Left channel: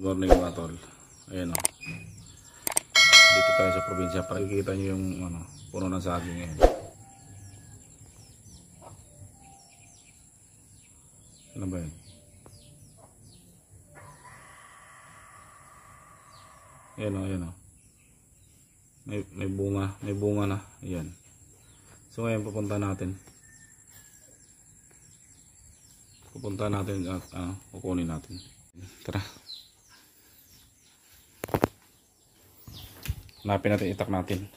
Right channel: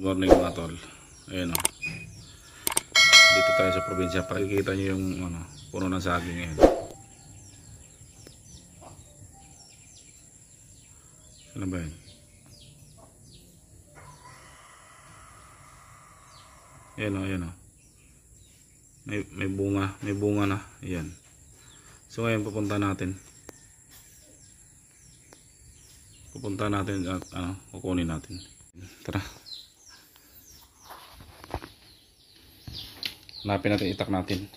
Morning mga tol. Ayan o. Dito tayo sa probinsya. Pakikita nyo yung puno ng saging ngayon. Ano ba yun? Ayan o, ayan o. May bunga na. Ayan. So ngayon pupunta natin at kukunin natin. Tara. Hanapin natin, itak natin.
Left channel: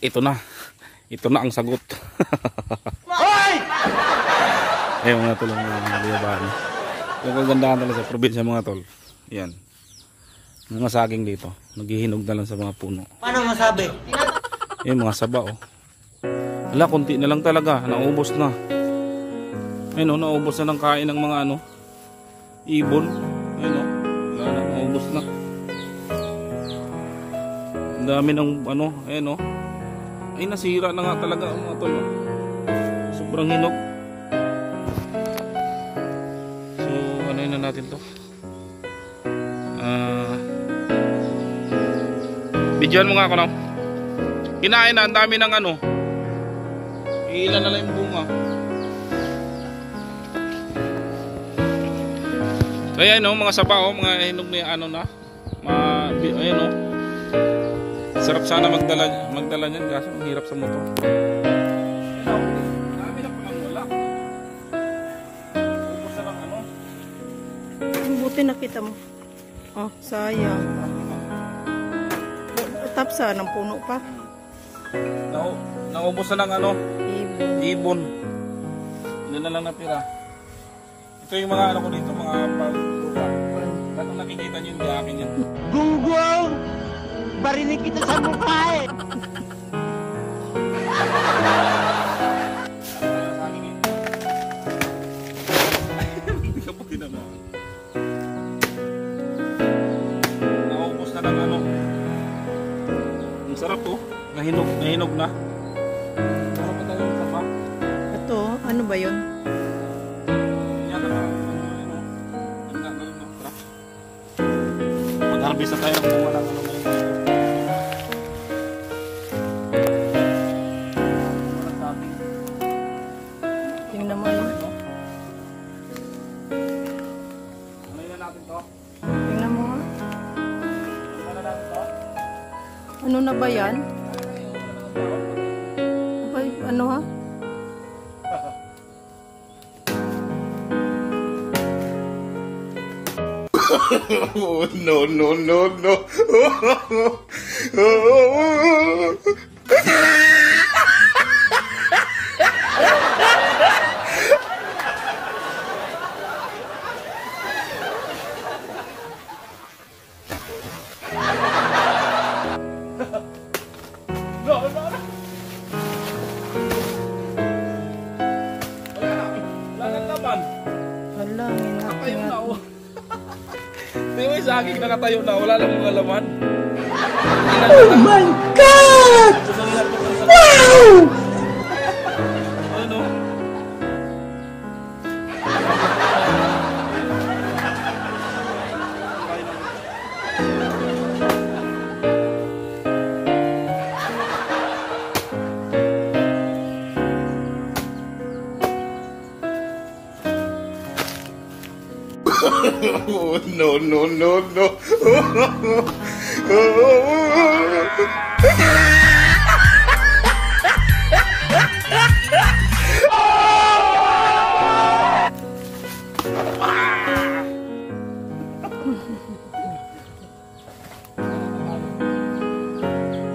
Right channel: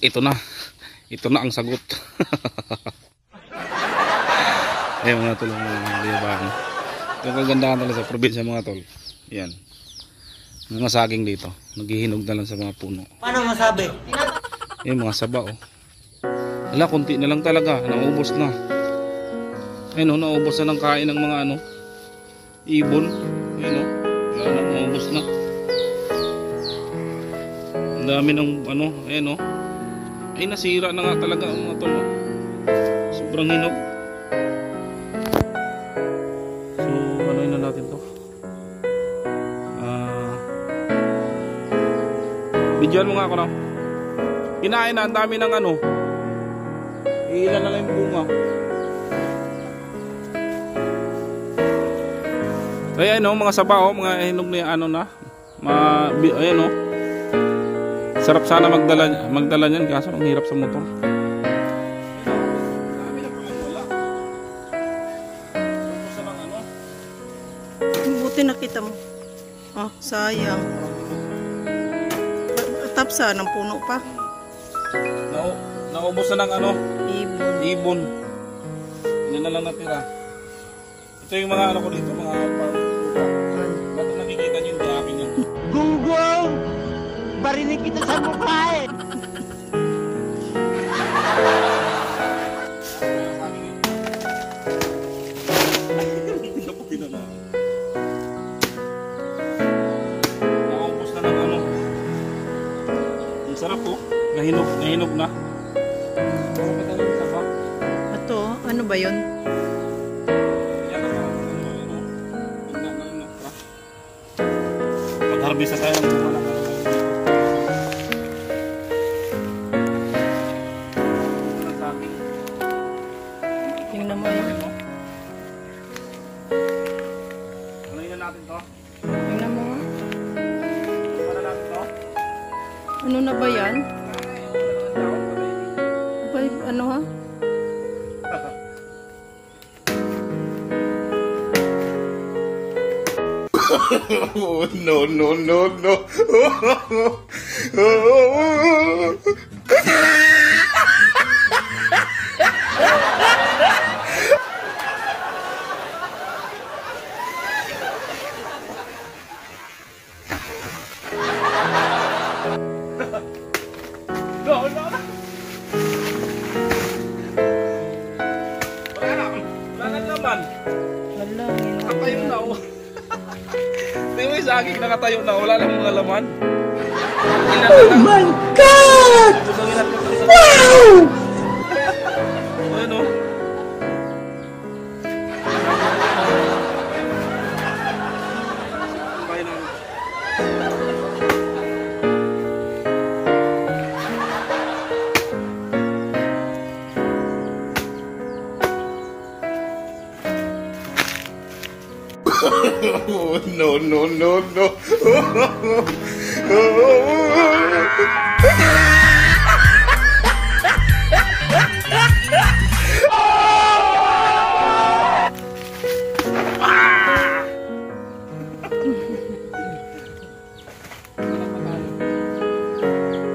Ito na ang sagot. Ayun mga tol, mga liyabahan. Yung kagandahan talaga sa probinsya mga tol. Yan. Mga saging dito. Naghihinog na lang sa mga puno. Paano masabi? Yung mga saba oh. Ala, konti na lang talaga. Naubos na. Ayun oh, naubos na ng kain ng mga ibon. Ayun oh. Wala na, naubos na. Ang dami ng ayun oh. Ay, nasira na nga talaga ang mga tol oh. Sobrang hinog. So, ano na natin to? Bidyoan mo nga ako na. Kinain na, ang dami ng ilan na lang yung bunga. So ayan o, mga saba o, mga hinog na yung ayan o. Sarap sana magdala niyan, kaso ang hirap sa motor. Ayan o, dami na palang wala. Ubus na lang Buti nakita mo. Oh, sayang. Tapsa ng puno pa. Naubos na ng Ibon. Ilan na lang natira. Ito yung mga ko dito, mga paglupa. Ba't ang nakikita nyo, hindi akin yan. Gunggong! Barinig kita sa mukha eh! Naubos na ng ang sarap po. Nahinog na. Wala pa tayo yung taba. Ito, ano ba yun? Mag-harvest na tayo ng bunga ng ngayon dito. Bunga ng saging. Tingnan mo yun. Ano na natin to? Tingnan mo nga. Ano na natin to? Ano na ba yan? Ano ha? Oh, no. Wala nang laman. Wala, Nakatayo na oh. Tingnan mo yung saging nakatayo na. Wala lang mga laman. Oh my God! Wow! Ano? Oh, no.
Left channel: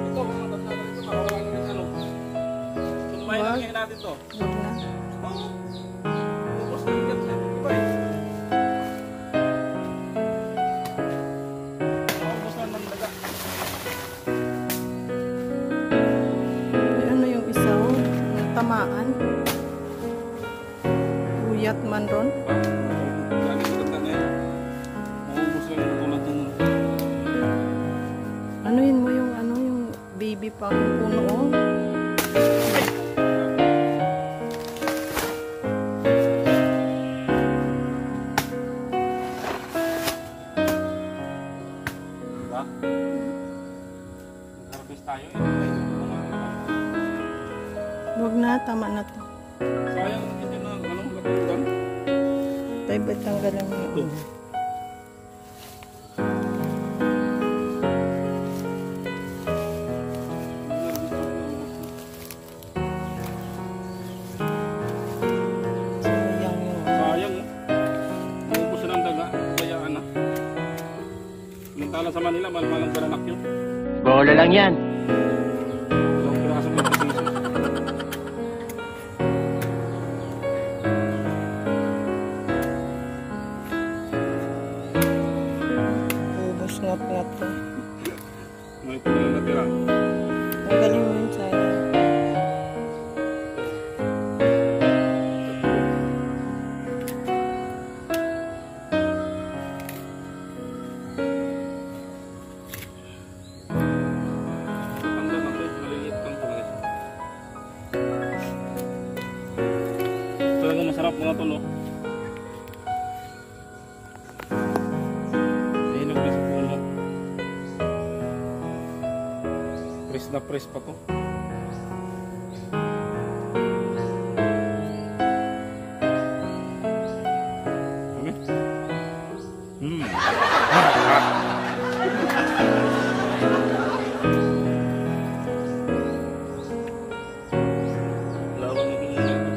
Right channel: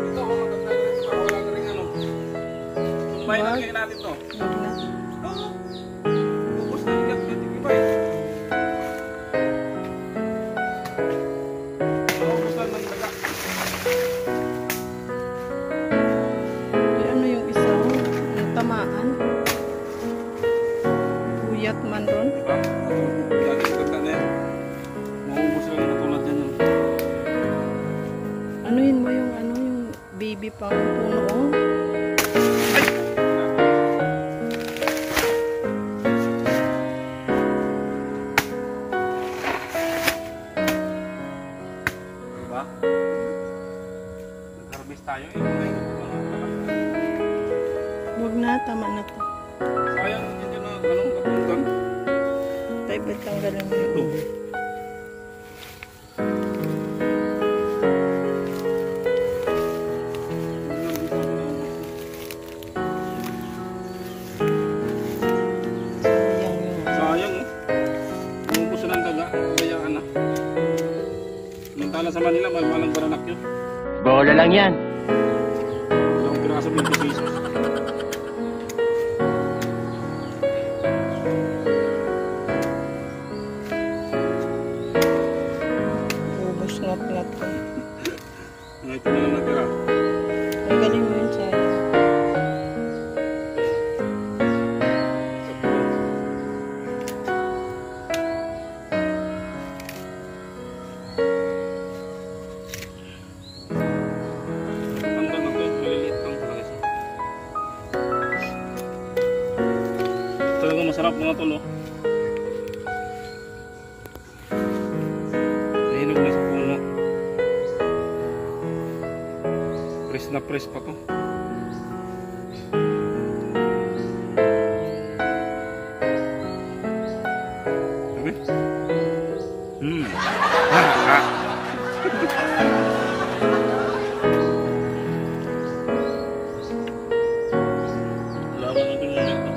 Ito, maganda na ito. Wala na rin Tumbay na rin natin to. Huwag na. Ubus na yung iba eh. Ubus na ng daga. Ay, ano yung isa? Ang tamaan. Buyat man ron. Diba? Lagi yung ganda na yan. Maubos na yung matulad yan. Anuhin mo yung ano, yung baby pa yung puno, oh. Diba? Nag-harvest tayo eh. Huwag na, tama na to. Sayang hindi na napundan. Tayo ba't tanggalin mo Ito. yun? Sayang yung ano. Sayang oh. Umubos na ng daga. Bayaan na. Mintala sa Manila, malang baranak yun. Bola lang yan. Dalawang piraso 20 pesos. Ubus ngat-ngat ko. Ito na lang natira. Tanggalin mo yun, sayang. Tatanda na to eh. Maliliit lang talaga siya. Talaga masarap mga tol oh. Nahinog na sa puno. Press na press pa to. Sabi? Lawan mo din muna ito.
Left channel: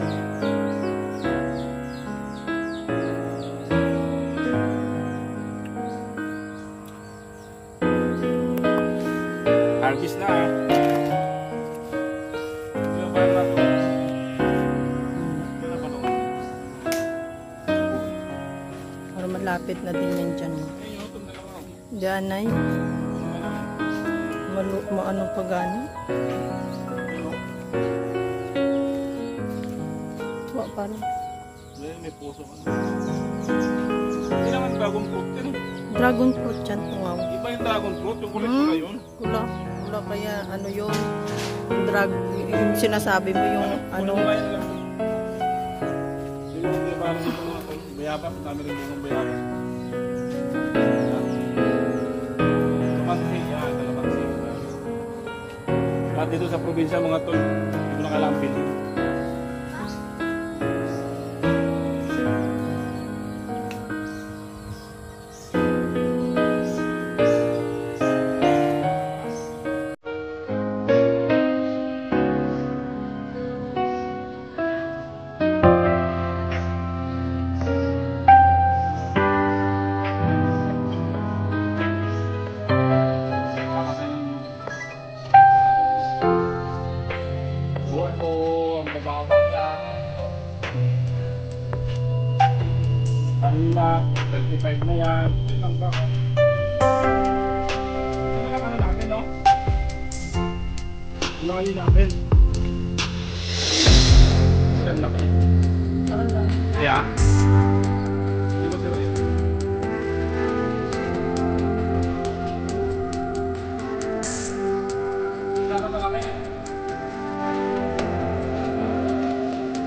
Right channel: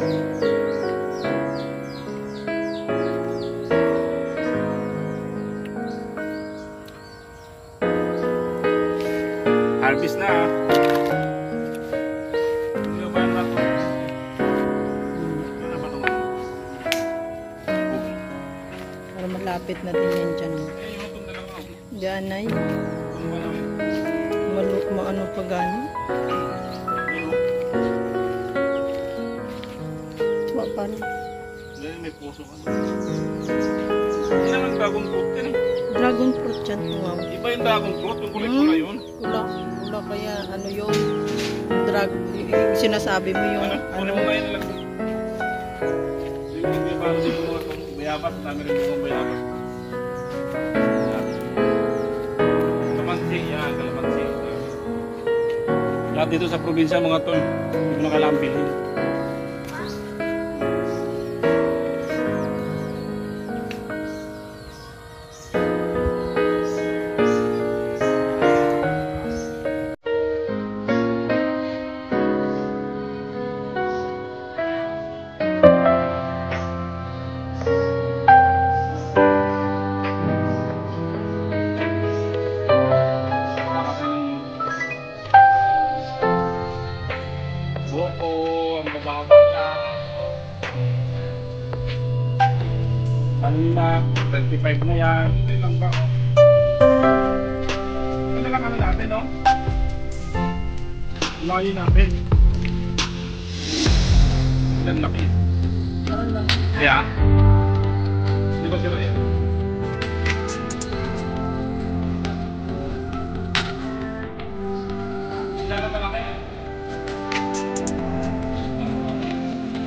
Harvest na ah. Ano ba na ito? Ano ba ito? Bugay. Para malapit na din yan dyan. Eh, yung itong dalawa oh. Diyan ay, Itong ba namin? maano pa gani. Yun oh. Wa pa rin. Dahil may puso ka. Hindi naman dragon fruit yan eh. Dragon fruit yan, tungaw. Iba yung dragon fruit, yung kulay-kulay yun. Kula. Kula kaya ano yun. Yung sinasabi mo yung ano. Kulay na lang. Yung mga para dito mga bayabas, dami rin bungang bayabas. Kalamansi, yan, kalamansi. Lahat dito sa probinsya mga tol, hindi mo na kailangan bilhin. Buwan po ang babawa niya. Kanina, 25 na yan. Ito lang ba? Ito lang ano natin, no? Laki natin. Ang laki. Kaya? Di ba sila yan? Sana malaki yan.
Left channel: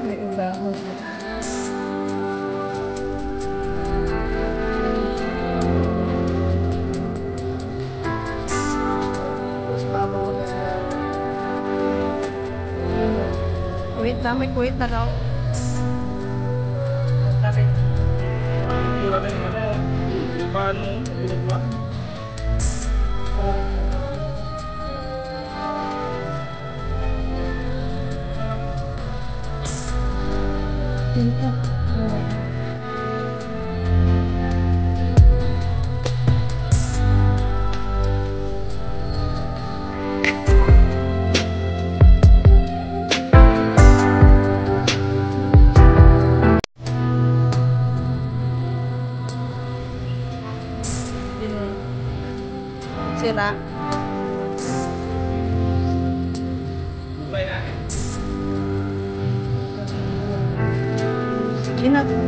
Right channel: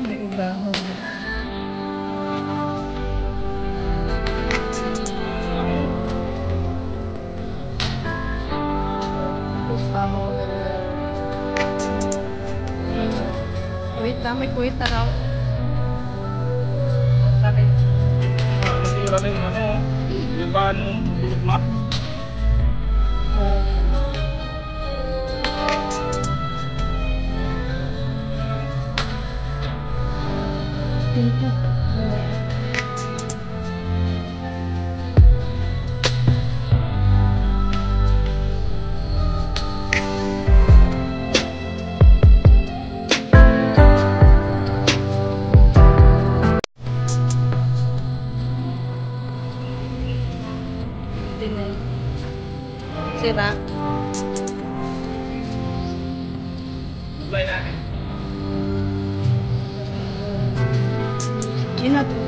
May ubahon. Wait na, may kuwait na raw. Ang sira rin ano, yung paano, tulog na. Dito. Sira. Kulay natin. Hindi natin.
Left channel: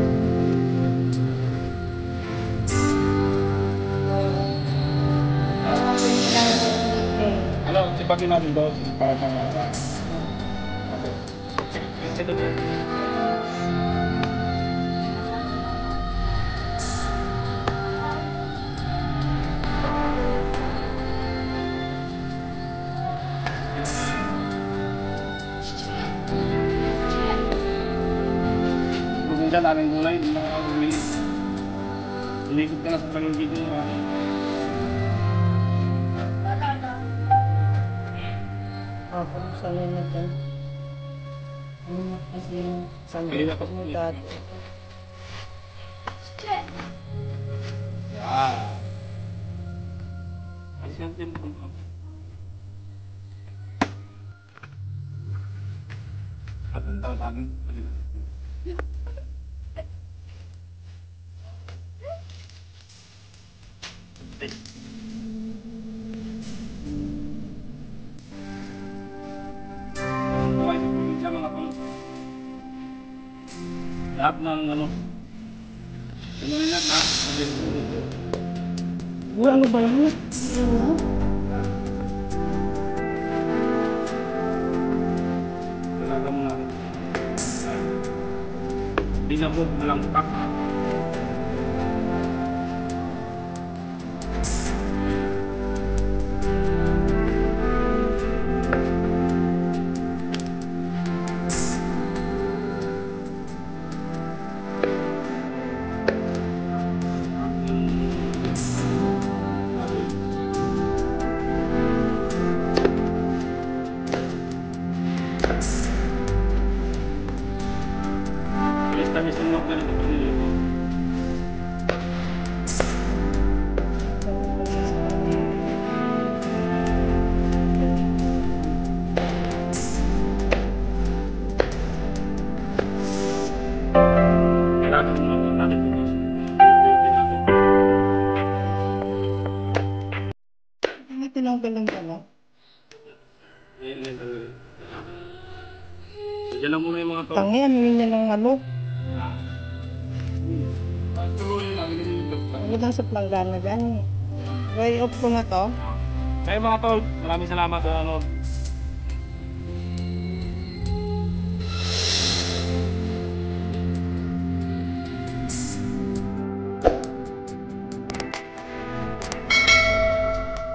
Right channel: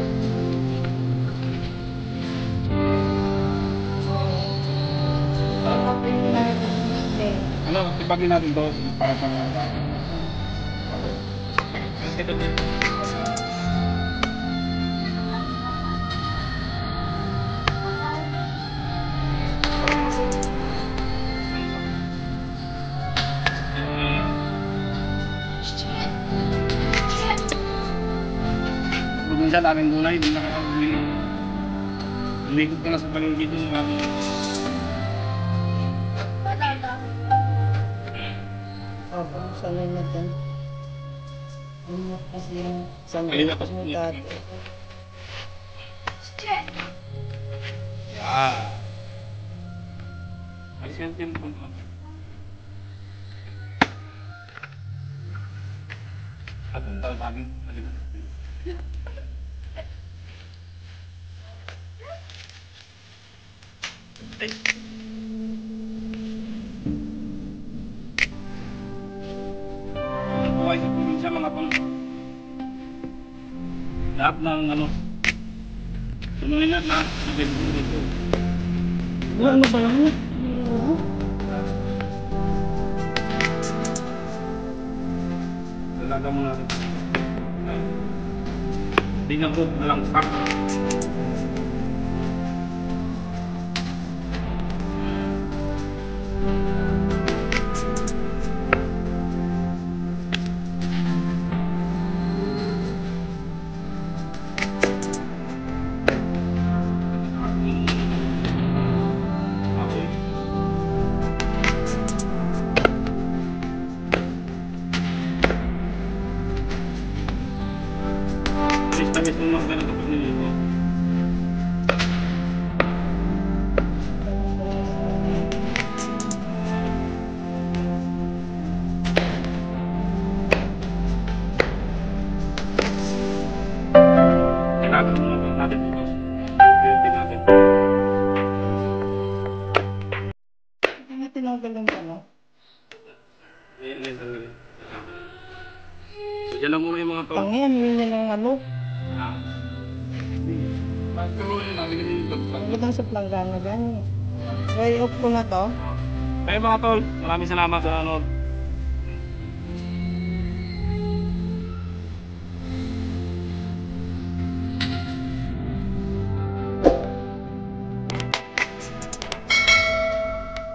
po yung nilalagay ng display. Ano, sipagin natin to para pang ito. Bugun siya, daming gulay, hindi nakakagulay. Umikot ka na sa paligid yung Kung sanay natin. Ano kasi yung sanay Kaya pas mo po. dati. Yan. Alis yan din. At ang tawag namin. Buhay sa probinsya mga tol. Lahat ng ano. Tuloy na na. Dito. Ano ba yun? Talaga mo natin. Di na po, walang tak. Okay. Tamis yung mga ganito pa nilito. Kailangan mo natin natin dito. Pwede natin. Hindi tinanggal lang pala. Ayan talaga. So dyan lang muna yung mga to. Tangian, yun yun ang ano. Tuloy namin kasi yung dagdag. Ano lang sa planggana gani. Ready off ko na to. Kaya mga tol, maraming salamat sa ano,